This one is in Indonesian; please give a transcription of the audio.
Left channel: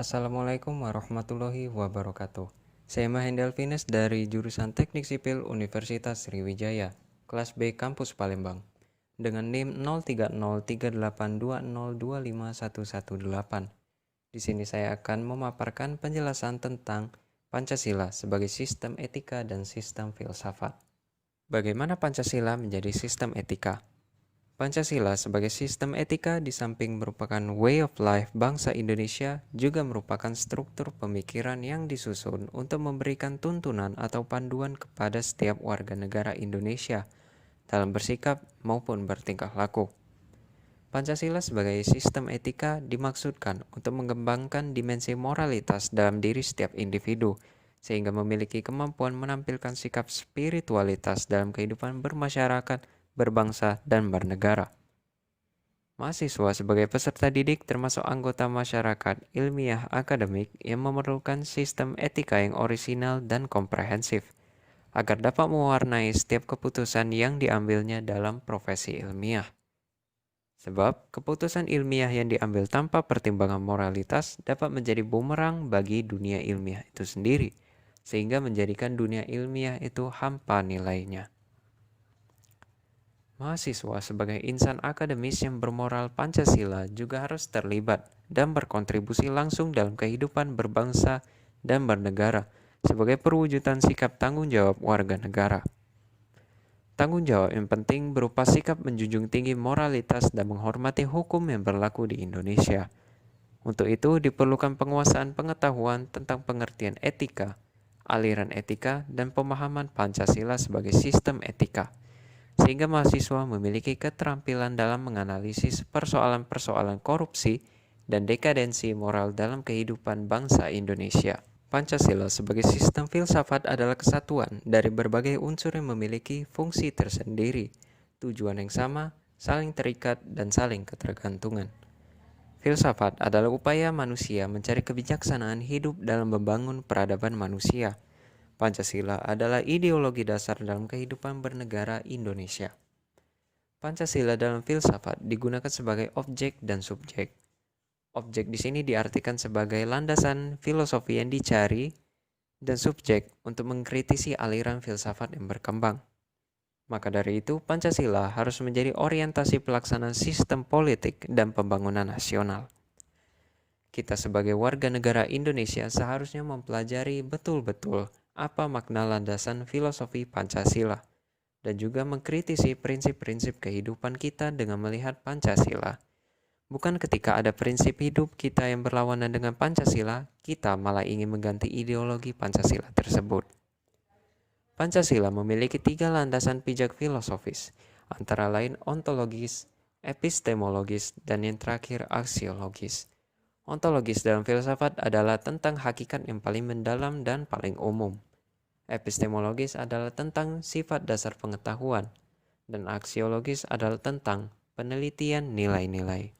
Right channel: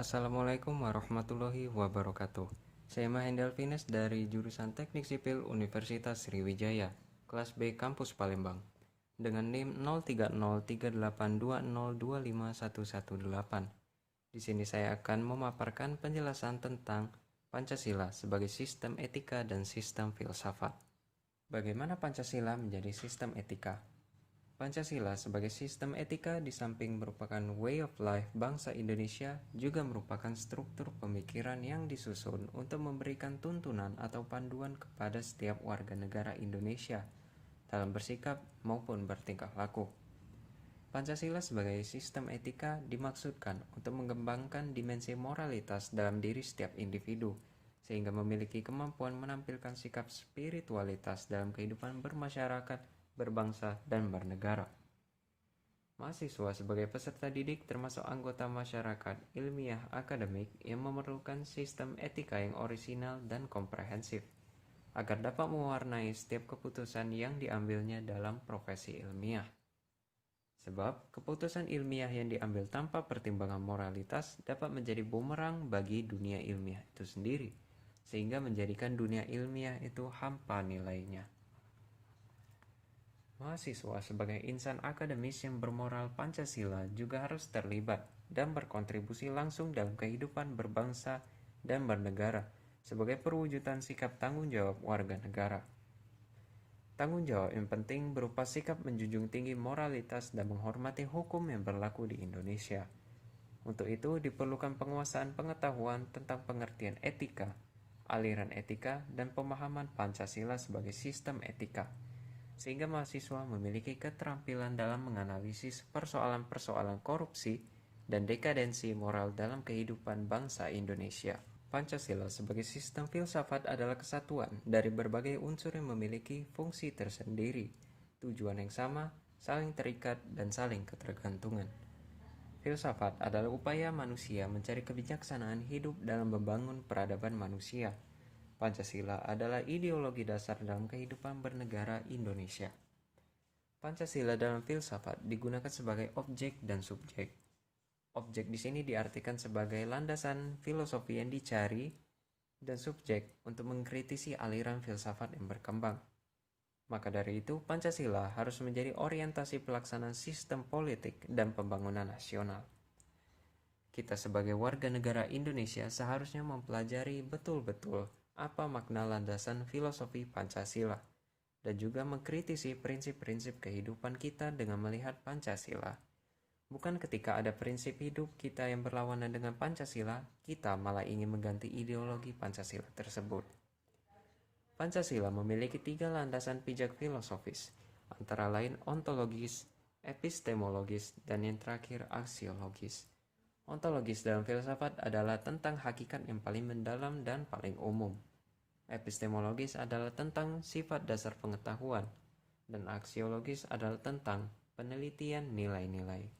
Assalamualaikum warahmatullahi wabarakatuh. Saya Mahendra Alvines dari jurusan Teknik Sipil Universitas Sriwijaya, kelas B Kampus Palembang, dengan NIM 030382025118. Di sini saya akan memaparkan penjelasan tentang Pancasila sebagai sistem etika dan sistem filsafat. Bagaimana Pancasila menjadi sistem etika? Pancasila sebagai sistem etika di samping merupakan way of life bangsa Indonesia juga merupakan struktur pemikiran yang disusun untuk memberikan tuntunan atau panduan kepada setiap warga negara Indonesia dalam bersikap maupun bertingkah laku. Pancasila sebagai sistem etika dimaksudkan untuk mengembangkan dimensi moralitas dalam diri setiap individu sehingga memiliki kemampuan menampilkan sikap spiritualitas dalam kehidupan bermasyarakat, berbangsa, dan bernegara. Mahasiswa sebagai peserta didik termasuk anggota masyarakat ilmiah akademik yang memerlukan sistem etika yang orisinal dan komprehensif agar dapat mewarnai setiap keputusan yang diambilnya dalam profesi ilmiah. Sebab keputusan ilmiah yang diambil tanpa pertimbangan moralitas dapat menjadi bumerang bagi dunia ilmiah itu sendiri, sehingga menjadikan dunia ilmiah itu hampa nilainya. Mahasiswa sebagai insan akademis yang bermoral Pancasila juga harus terlibat dan berkontribusi langsung dalam kehidupan berbangsa dan bernegara sebagai perwujudan sikap tanggung jawab warga negara. Tanggung jawab yang penting berupa sikap menjunjung tinggi moralitas dan menghormati hukum yang berlaku di Indonesia. Untuk itu diperlukan penguasaan pengetahuan tentang pengertian etika, aliran etika, dan pemahaman Pancasila sebagai sistem etika, sehingga mahasiswa memiliki keterampilan dalam menganalisis persoalan-persoalan korupsi dan dekadensi moral dalam kehidupan bangsa Indonesia. Pancasila sebagai sistem filsafat adalah kesatuan dari berbagai unsur yang memiliki fungsi tersendiri, tujuan yang sama, saling terikat, dan saling ketergantungan. Filsafat adalah upaya manusia mencari kebijaksanaan hidup dalam membangun peradaban manusia. Pancasila adalah ideologi dasar dalam kehidupan bernegara Indonesia. Pancasila dalam filsafat digunakan sebagai objek dan subjek. Objek di sini diartikan sebagai landasan filosofi yang dicari dan subjek untuk mengkritisi aliran filsafat yang berkembang. Maka dari itu, Pancasila harus menjadi orientasi pelaksanaan sistem politik dan pembangunan nasional. Kita sebagai warga negara Indonesia seharusnya mempelajari betul-betul apa makna landasan filosofi Pancasila dan juga mengkritisi prinsip-prinsip kehidupan kita dengan melihat Pancasila. Bukan ketika ada prinsip hidup kita yang berlawanan dengan Pancasila, kita malah ingin mengganti ideologi Pancasila tersebut. Pancasila memiliki 3 landasan pijak filosofis, antara lain ontologis, epistemologis, dan yang terakhir aksiologis. Ontologis dalam filsafat adalah tentang hakikat yang paling mendalam dan paling umum. Epistemologis adalah tentang sifat dasar pengetahuan, dan aksiologis adalah tentang penelitian nilai-nilai.